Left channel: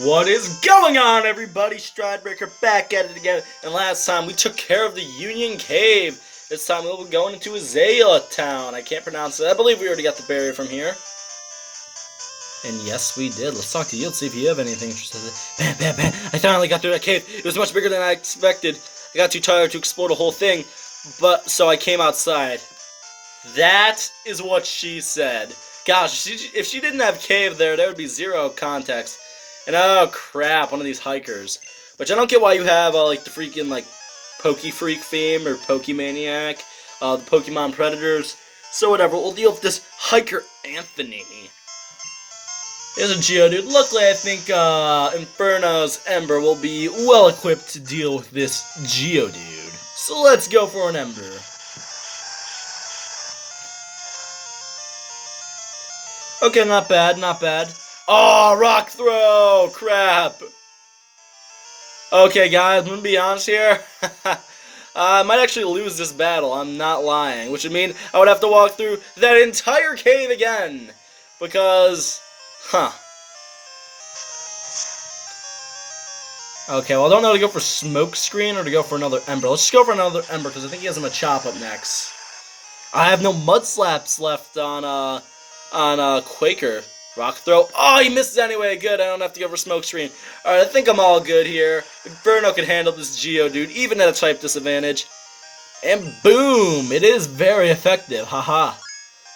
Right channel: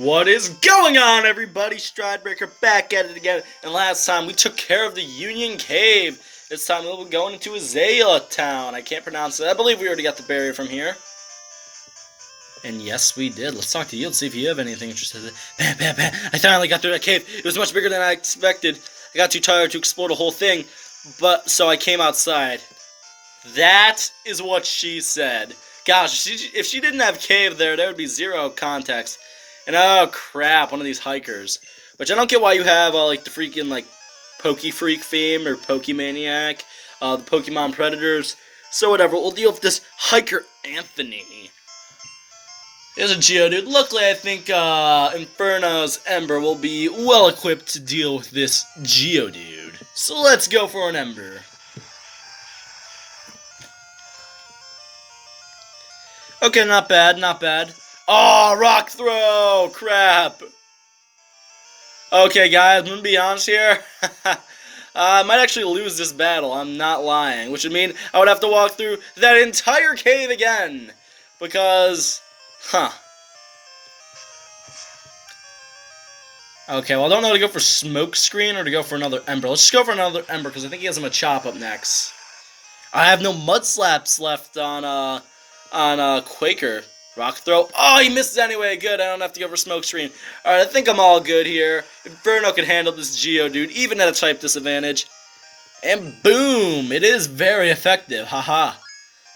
What is going on, everybody? Stridebreaker back at it again. And last time we took care of the Union Cave. This time we'll be going into Azalea Town. I can't pronounce it. I believe we already got the berry from here. And yes, we did. Let's talk to you and see if you have anything interesting. I finally got through that cave. It was much bigger than I expected. I got too tired to explore the whole thing, so I came outside. That is what she said. Gosh, if she didn't have cave there would be zero context. And oh crap, one of these hikers. Which I don't get why you have like the freaking like Pokefreak theme or Pokemaniac, the Pokemon Predators. So whatever, we'll deal with this hiker Anthony. Here's a Geodude. Luckily, I think Inferno's Ember will be well equipped to deal with this Geodude. So let's go for an Ember. Okay, not bad, not bad. Oh, rock throw! Crap! Okay, guys, I'm gonna be honest here. I might actually lose this battle, I'm not lying. Which would mean I would have to walk through that entire cave again. Because, Okay, well, I don't know to go for Smoke Screen or to go for another Ember. Let's just go for another Ember, because I think he has him a Chop up next. I have no Mud Slaps left on Quaker. Rock throw. Oh, he misses anyway. Good, I don't have to go for Smoke Screen. Alright, I think I'm all good here. Inferno can handle this Geodude, even at a type disadvantage. And boom! It is very effective. Haha.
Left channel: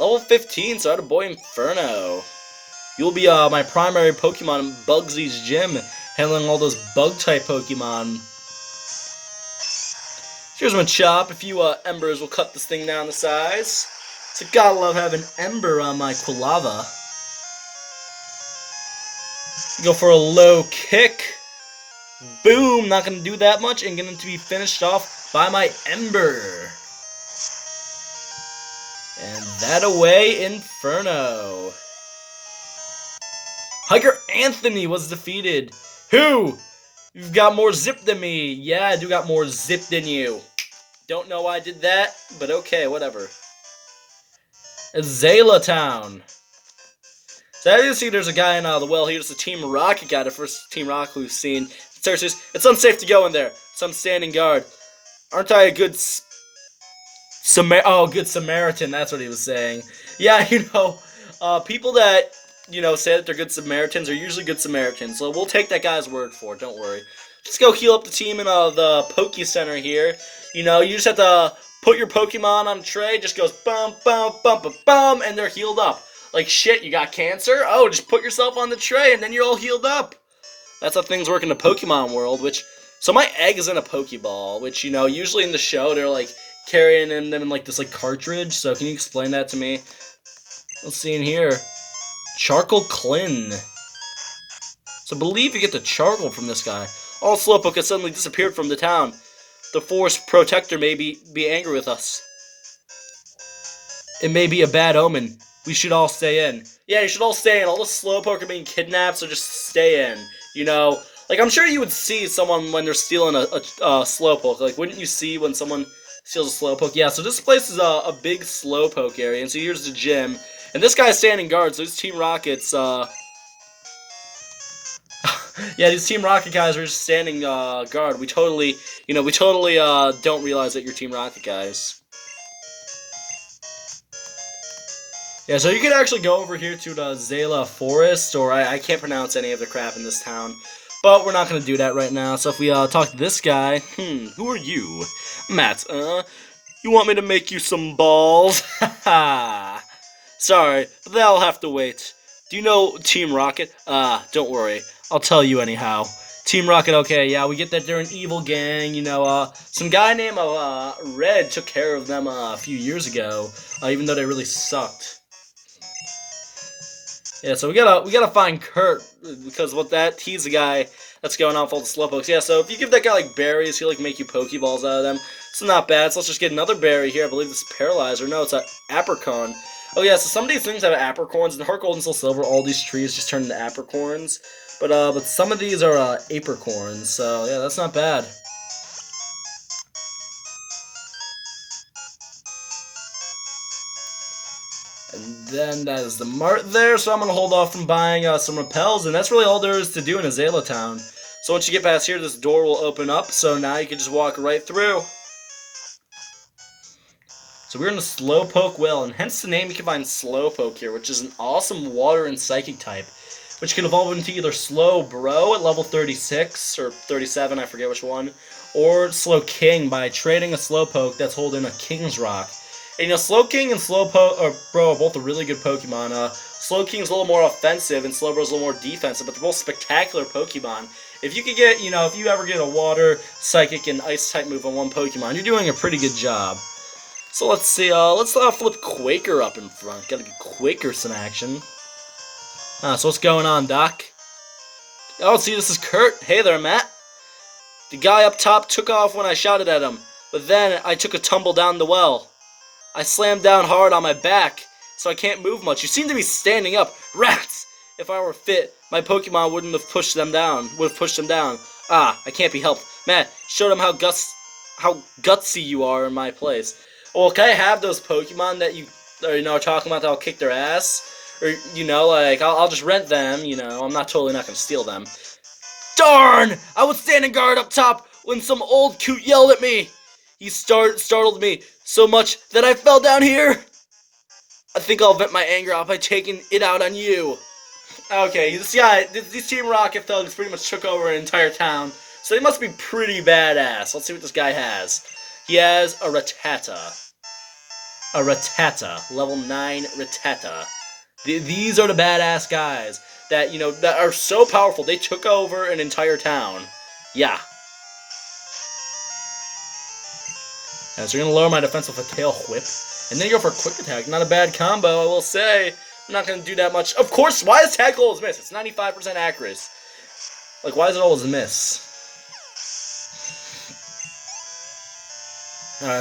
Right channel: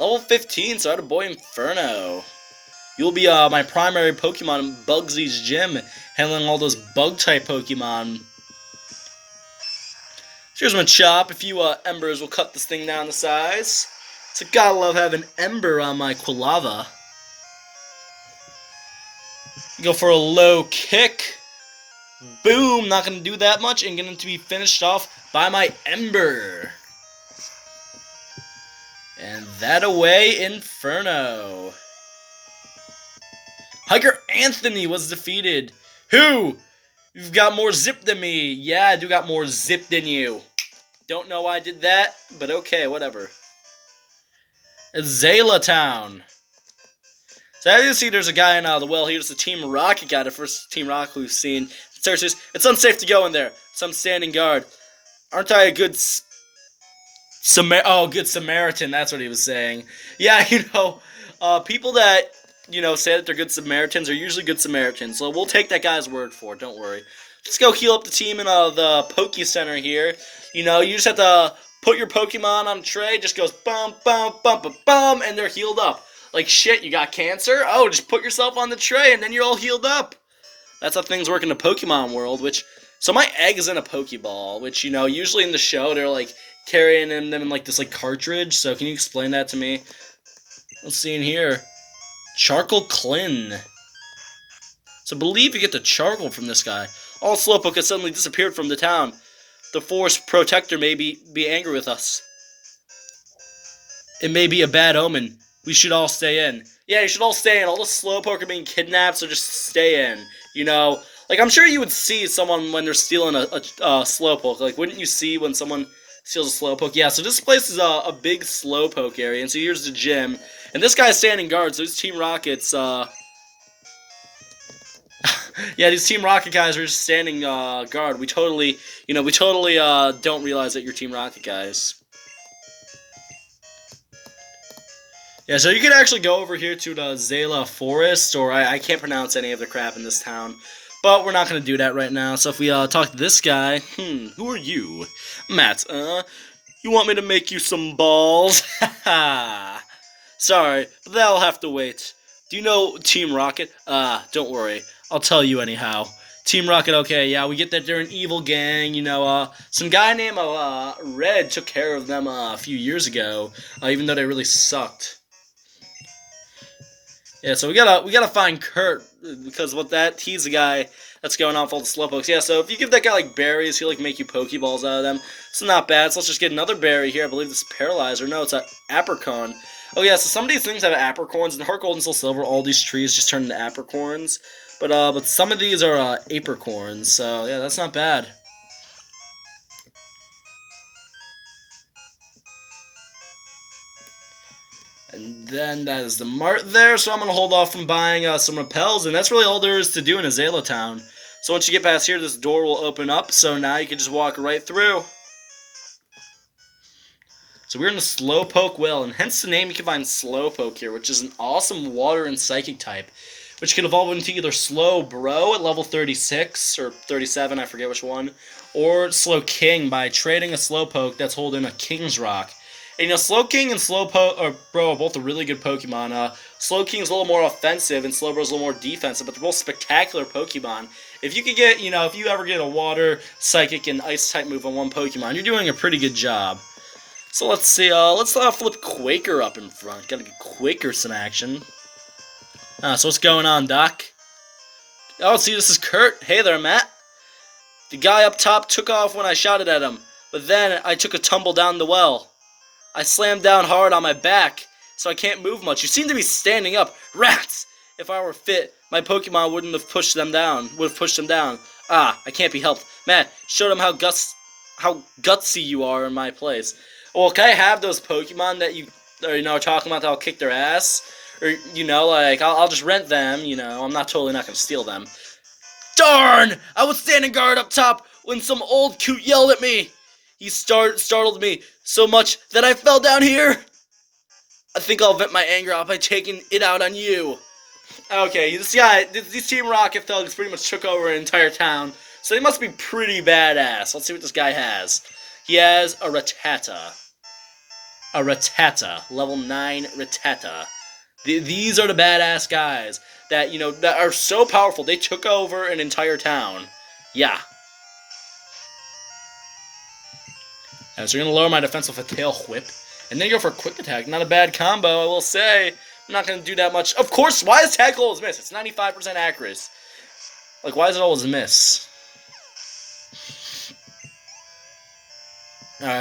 Level 15, so boy Inferno. You'll be my primary Pokemon in Bugsy's gym, handling all those Bug-type Pokemon. So here's my Chop. A few Embers will cut this thing down to size. So gotta love having Ember on my Quilava. Go for a low kick. Boom! Not gonna do that much, and going to be finished off by my Ember. And that away, Inferno. Hiker Anthony was defeated. Who? You've got more zip than me. Yeah, I do got more zip than you. Don't know why I did that, but okay, whatever. Azalea Town. So as you see, there's a guy in the well here. It's the Team Rocket guy, the first Team Rocket we've seen. It's unsafe to go in there, so I'm standing guard. Aren't I a good good Samaritan? That's what he was saying. Yeah, people that say that they're good Samaritans are usually good Samaritans. So we'll take that guy's word for it. Don't worry. Let's go heal up the team in the Poke Center here. You just have to put your Pokemon on a tray. Just goes bum bum bum bum bum, and they're healed up. Like, shit, you got cancer? Oh, just put yourself on the tray, and then you're all healed up. That's how things work in the Pokemon world, So my egg is in a Pokeball, which, usually in the show, they're, like, carrying them in, like, this, like, cartridge. So can you explain that to me? Let's see in here. Charcoal Clin. So I believe you get the charcoal from this guy. All Slowpoke has suddenly disappeared from the town. The Forest Protector may be angry with us. It may be a bad omen. We should all stay in. Yeah, you should all stay in. All the Slowpoke are being kidnapped, so just stay in. Like, I'm sure you would see someone when they're stealing a Slowpoke. Like, wouldn't you see when someone steals a Slowpoke? Yeah, so this place is a big Slowpoke area, and so here's the gym. And this guy's standing guard, so these Team Rockets, yeah, these Team Rocket guys are just standing guard. We totally don't realize that you're Team Rocket guys. Yeah, so you can actually go over here to the Zala Forest, or I can't pronounce any of the crap in this town. But we're not going to do that right now. So if we talk to this guy, who are you? Matt, you want me to make you some balls? Haha. Sorry, but that'll have to wait. Do you know Team Rocket? Don't worry. I'll tell you anyhow. Team Rocket, okay, yeah, we get that they're an evil gang, some guy named Red took care of them a few years ago, even though they really sucked. Yeah, so we gotta find Kurt, because he's the guy that's going off all the Slowpokes. Yeah, so if you give that guy, like, berries, he'll, like, make you Pokeballs out of them. It's not bad, so let's just get another berry here. I believe this is Paralyzer. No, it's an Apricorn. Oh, yeah, so some of these things have Apricorns. In Heart Gold and Soul Silver, all these trees just turn into Apricorns. But some of these are Apricorns, so, yeah, that's not bad. And then that is the mart there, so I'm going to hold off from buying some repels, and that's really all there is to do in Azalea Town. So once you get past here, this door will open up, so now you can just walk right through. So we're in the Slowpoke well, and hence the name you can find Slowpoke here, which is an awesome water and psychic type, which can evolve into either Slowbro at level 36, or 37, I forget which one, or Slowking by trading a Slowpoke that's holding a King's Rock. And you know, Slowking and Slowbro are both a really good Pokemon. Slowking's a little more offensive, and Slowbro's a little more defensive, but they're both spectacular Pokemon. If you could get, you know, if you ever get a water, psychic, and ice type move on one Pokemon, you're doing a pretty good job. So let's see, let's flip Quaker up in front. Gotta give Quaker some action. So what's going on, Doc? Oh, see, this is Kurt. Hey there, Matt. The guy up top took off when I shouted at him, but then I took a tumble down the well. I slammed down hard on my back, so I can't move much. You seem to be standing up. Rats! If I were fit, my Pokemon wouldn't have pushed them down. Ah, I can't be helped. Matt, show them how gutsy you are in my place. Well, can I have those Pokemon that you are talking about that'll kick their ass? Or, you know, like, I'll just rent them, you know. I'm not going to steal them. Darn! I was standing guard up top when some old coot yelled at me. He startled me so much that I fell down here. I think I'll vent my anger out by taking it out on you. Okay, this guy, these Team Rocket thugs pretty much took over an entire town, so he must be pretty badass. Let's see what this guy has. He has a Rattata. A Rattata. Level 9 Rattata. These are the badass guys that, you know, that are so powerful. They took over an entire town. Yeah. So you're going to lower my defense with a Tail Whip. And then you go for a Quick Attack. Not a bad combo, I will say. I'm not going to do that much. Of course, why does Tackle always miss? It's 95% accuracy. Like, why does it always miss?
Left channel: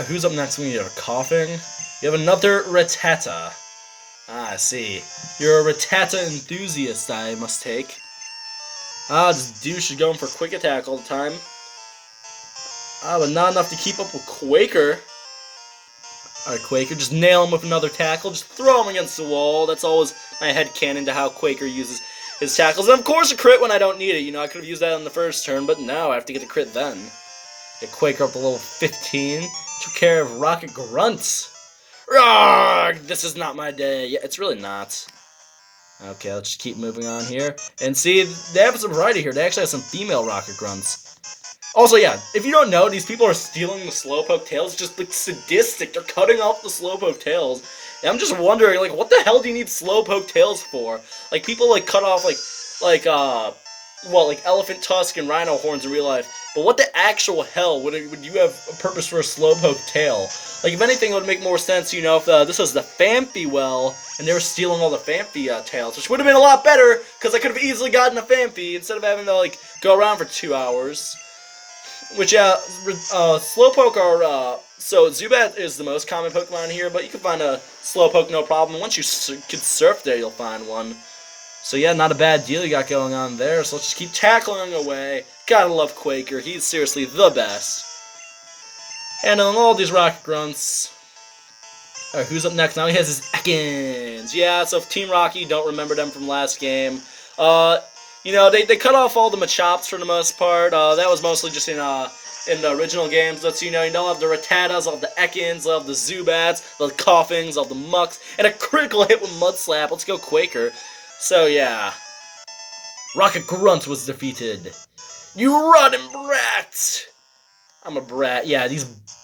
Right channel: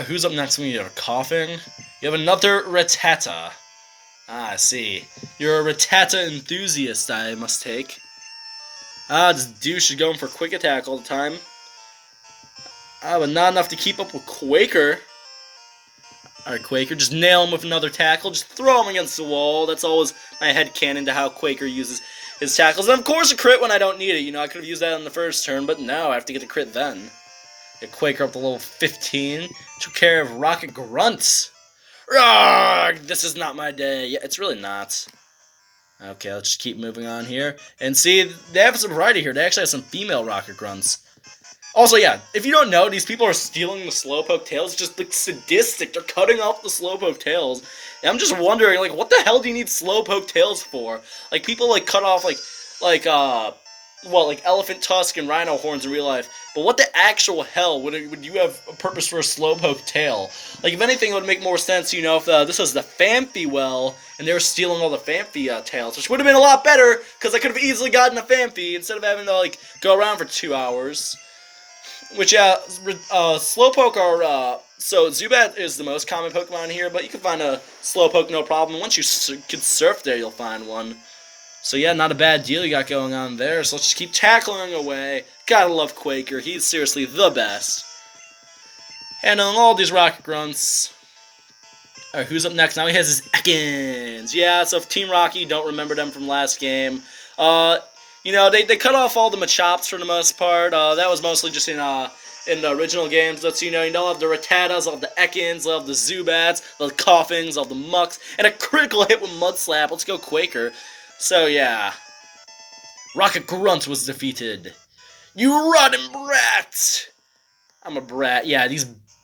Who's up next when you're coughing? You have another Rattata. Ah, I see. You're a Rattata enthusiast, I must take. This douche is going for Quick Attack all the time. But not enough to keep up with Quaker. Alright, Quaker, just nail him with another tackle. Just throw him against the wall. That's always my headcanon to how Quaker uses his tackles. And of course a crit when I don't need it. You know, I could have used that on the first turn, but no, I have to get a crit then. Get Quaker up to level 15. Took care of Rocket Grunts. Rawr! This is not my day. Yeah, it's really not. Okay, let's just keep moving on here. And see, they have some variety here. They actually have some female Rocket Grunts. Also, yeah, if you don't know, these people are stealing the Slowpoke tails. Just, like, sadistic. They're cutting off the Slowpoke tails. And I'm just wondering, like, what the hell do you need Slowpoke tails for? Like, people, like, cut off, like elephant tusk and rhino horns in real life. But what the actual hell would you have a purpose for a Slowpoke tail? Like, if anything, it would make more sense, you know, if this was the Phanpy well, and they were stealing all the Phanpy tails, which would have been a lot better, because I could have easily gotten a Phanpy, instead of having to, like, go around for 2 hours. Which, yeah, Slowpoke are, so Zubat is the most common Pokemon here, but you can find a Slowpoke no problem. Once you can surf there, you'll find one. So yeah, not a bad deal you got going on there, so let's just keep tackling away. Gotta love Quaker, he's seriously the best. Handling all these Rocket Grunts. Alright, who's up next? Now he has his Ekans. Yeah, so if Team Rocky, don't remember them from last game. You know, they cut off all the Machops for the most part. That was mostly just in the original games. But, you know, you don't have the Rattatas, all the Ekans, all the Zubats, the Coughings, all the Mucks, and a critical hit with Mud Slap. Let's go Quaker. So, yeah. Rocket Grunt was defeated. You rotten brat! I'm a brat. Yeah,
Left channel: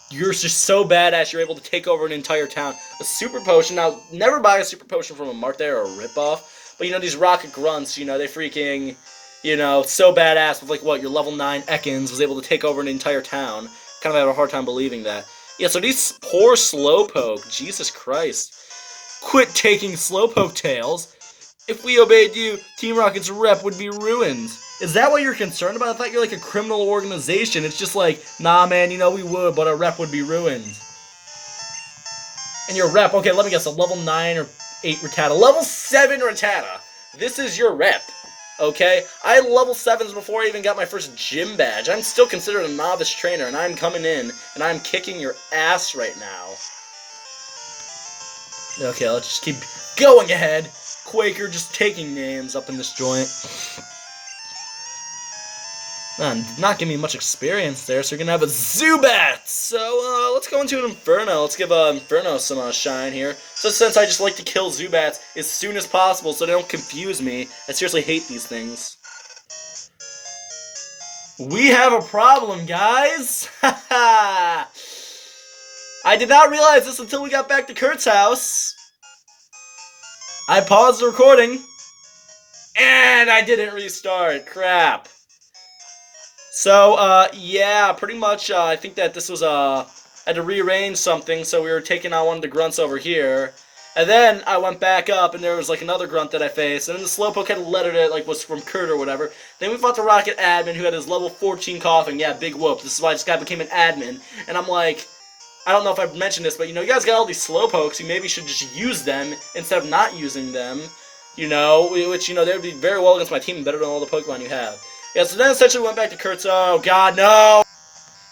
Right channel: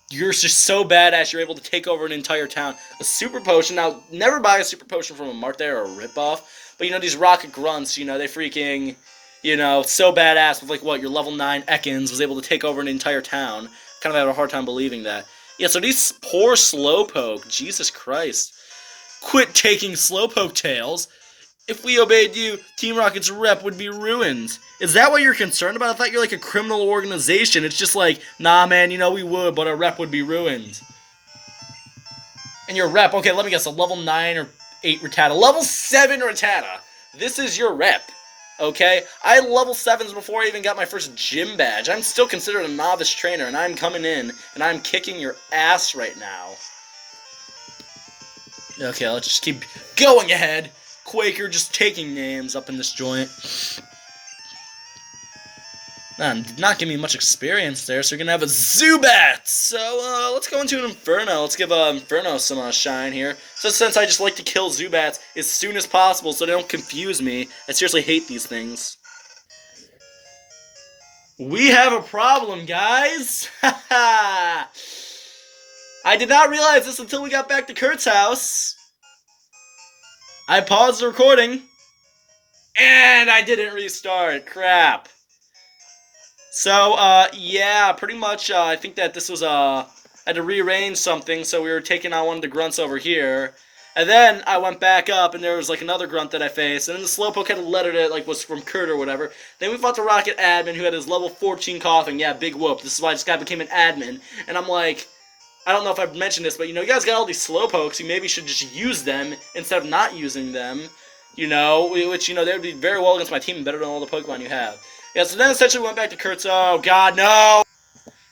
you're just so badass, you're able to take over an entire town. A Super Potion. Now, never buy a Super Potion from a Mart there or a ripoff. But, you know, these Rocket Grunts, you know, they freaking, you know, so badass with, like, what, your level 9 Ekans was able to take over an entire town. Kind of have a hard time believing that. Yeah, so these poor Slowpoke, Jesus Christ. Quit taking Slowpoke tails. If we obeyed you, Team Rocket's rep would be ruined. Is that what you're concerned about? I thought you're like a criminal organization. It's just like, nah, man, you know, we would, but our rep would be ruined. And your rep, okay, let me guess, a level 9 or 8 Rattata. Level 7 Rattata. This is your rep, okay? I had level 7s before I even got my first gym badge. I'm still considered a novice trainer, and I'm coming in, and I'm kicking your ass right now. Okay, let's just keep going ahead. Quaker just taking names up in this joint. Man, did not give me much experience there, so we're gonna have a Zubat! So, let's go into an Inferno. Let's give Inferno some shine here. So since I just like to kill Zubats as soon as possible so they don't confuse me, I seriously hate these things. We have a problem, guys! Haha! I did not realize this until we got back to Kurt's house. I paused the recording, and I didn't restart. Crap. So, yeah, pretty much, I think that this was, I had to rearrange something, so we were taking on one of the grunts over here. And then I went back up, and there was, like, another grunt that I faced, and then the Slowpoke had a letter that, like, was from Kurt or whatever. Then we fought the Rocket admin, who had his level 14 coughing. Yeah, big whoop. This is why this guy became an admin. And I'm like, I don't know if I've mentioned this, but, you know, you guys got all these Slowpokes, you maybe should just use them instead of not using them. You know, which, you know, they would be very well against my team, better than all the Pokemon you have. Yeah, so then essentially went back to Kurt's, oh god, no!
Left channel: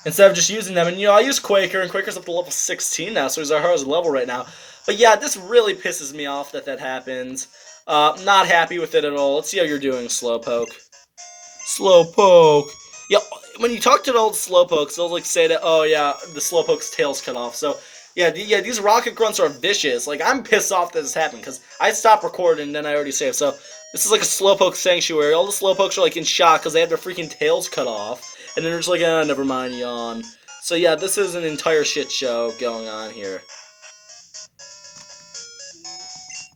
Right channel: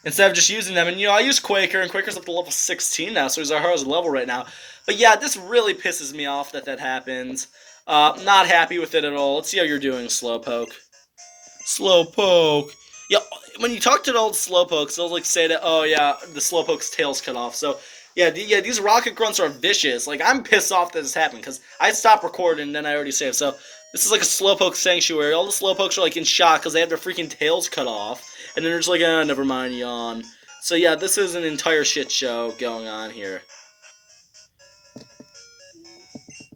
Instead of just using them, and you know, I use Quaker, and Quaker's up to level 16 now, so he's our highest level right now. But yeah, this really pisses me off that happens. Not happy with it at all. Let's see how you're doing, Slowpoke. Slowpoke! Yeah, when you talk to the old Slowpokes, they'll like say that, oh yeah, the Slowpoke's tail's cut off, so... Yeah, these rocket grunts are vicious. Like, I'm pissed off that this happened, because I stopped recording, and then I already saved, so... This is like a Slowpoke sanctuary. All the Slowpokes are like in shock because they have their freaking tails cut off. And then they're just like, ah, never mind, yawn. So yeah, this is an entire shit show going on here.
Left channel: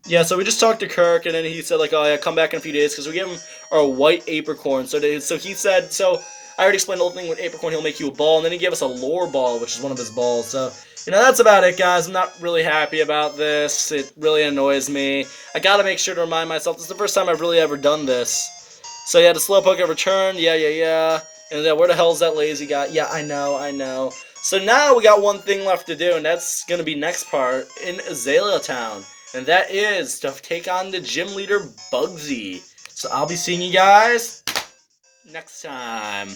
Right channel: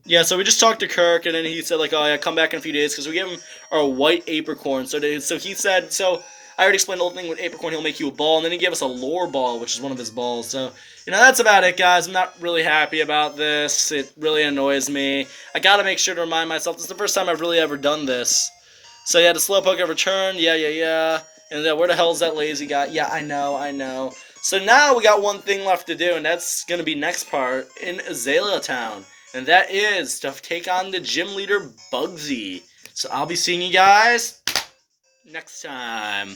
Yeah, so we just talked to Kirk, and then he said like, oh yeah, come back in a few days because we gave him our white apricorn. So he said, so I already explained the whole thing with apricorn, he'll make you a ball. And then he gave us a lore ball, which is one of his balls. So... You know, that's about it, guys. I'm not really happy about this. It really annoys me. I gotta make sure to remind myself, this is the first time I've really ever done this. So yeah, the Slowpoke have returned. Yeah. And where the hell is that lazy guy? Yeah, I know. So now we got one thing left to do, and that's gonna be next part in Azalea Town. And that is to take on the gym leader, Bugsy. So I'll be seeing you guys next time.